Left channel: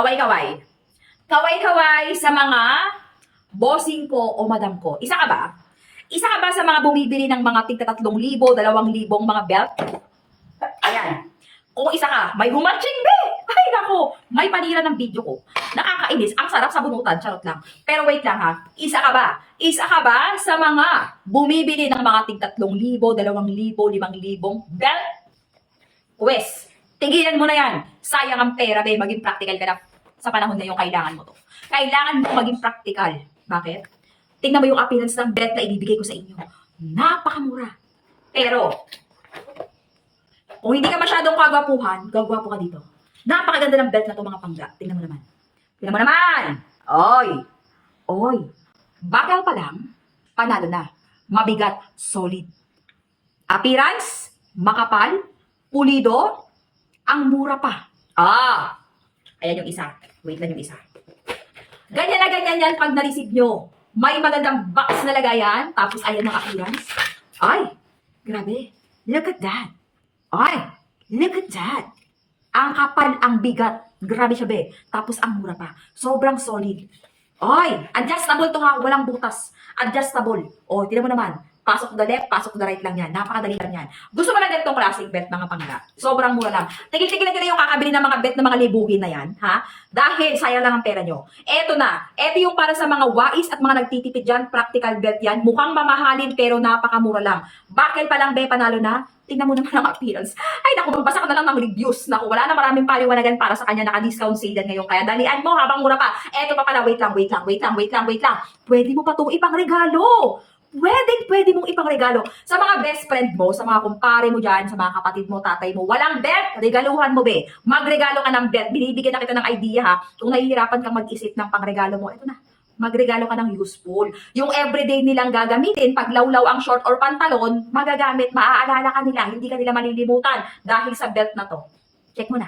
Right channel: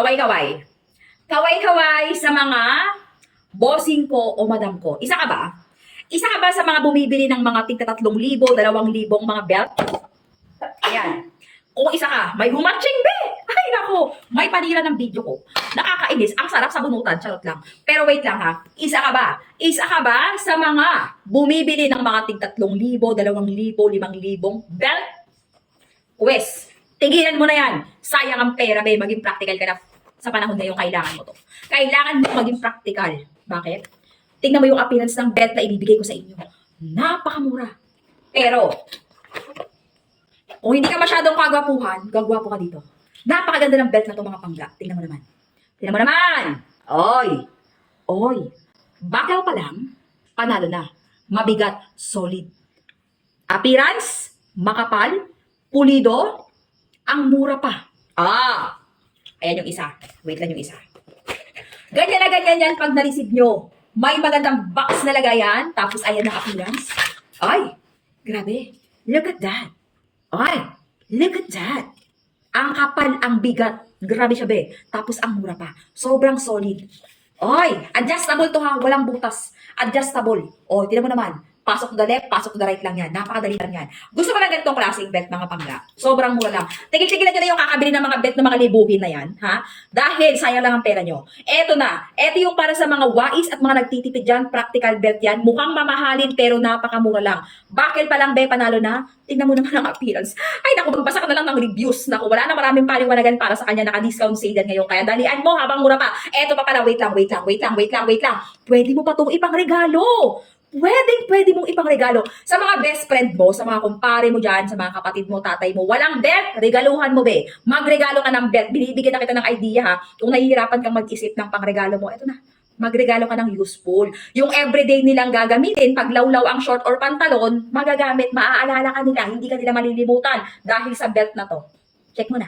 Kaway-kaway. Kaway-kaway sa mga bossing ko o madam ko. Isa ka ba? Isa ka ba sa mga bumibili ng mga tigta 3,000, 2,000 mga belt? Ayan. Kung isa ka, may humatching be! Ay nako, may panira ng video ko. Nakakainis, ang sarap sa bunutan, charot lang. Pero wait lang ha, isa ka ba? Isa ka ba sa mga bumibili ng mga tigta 3,000, 2,000, 5,000 belt? Wes, tigilan mo na yan. Sayang ang pera be, maging practical ka na sa panahon na yung kailangan mo to. Kailangan mo maging practical. Bakit? Tingnan mo yung appearance ng belt na ibibigay ko sa inyo. Napakamura. Pero, kung hindi ka masyadong kagwapuhan, gagwapo ka dito. Napakaganda ng belt na to mga pangga. Tingnan mo naman. Tingnan mo naman. Oy. Oy. Bakal pa lang, panalo na. Mabigat, solid. Appearance, makapal, pulido, ang mura pa. Ayan yung isa. Wait lang yung isa. Ganyan na ganyan yan pag na-receive nyo. May magandang box na lagayan, tapos ayan ang appearance. Ay, grabe. Look at that. Ay, look at that. Ang kapal, ang bigat. Grabe siya be. Tapos ang mura pa. Sobrang solid. Ay, adjustable to ha. Walang butas. Adjustable. O, tignan mo naman. Pasok to the left, pasok to the right lang yan. Napakadali lang yan. Gusto mo na ganitong klaseng belt, mga pangga? Sobrang mura lang. Tigil-tigilan nyo na yung kakabili ng mga belt na mga libuhin na yan, ha? Dahil sayang lang ang pera nyo. Eto na. Eto yung para sa mga wais at mga nagtitipid dyan. Practical belt yan. Mukhang mamahalin pero napakamura lang. Bakit pa lang be, panalo na? Tingnan mo naman ang appearance. Ay naku, magbasa ka na lang ng reviews. Naku, wala na maraming paliwanagan para sa kanya. Naka-discount sale yan ngayon. Kaya dalian mo habang mura pa. Eto pa pala, wait lang. Pwede mo pa itong ipang regalo. Pwede mong ipangregalo sa mga best friend mo, sa mga kumpare mo dyan, sa mga kapatid mo, tatay mo. Walang belt, regaluhan mo be. Magregalo ka ng belt. Binibigyan na kita ng idea ha. Kung nahihirapan kang mag-isip ng pangregalo mo, eto na. Magregalo ka ng useful. Yung everyday nilang gagamitin, pag lawlaw ang short or pantalon, magagamit, maaalala ka nila, hindi ka nila malilimutan dahil sa belt na to. Check mo na.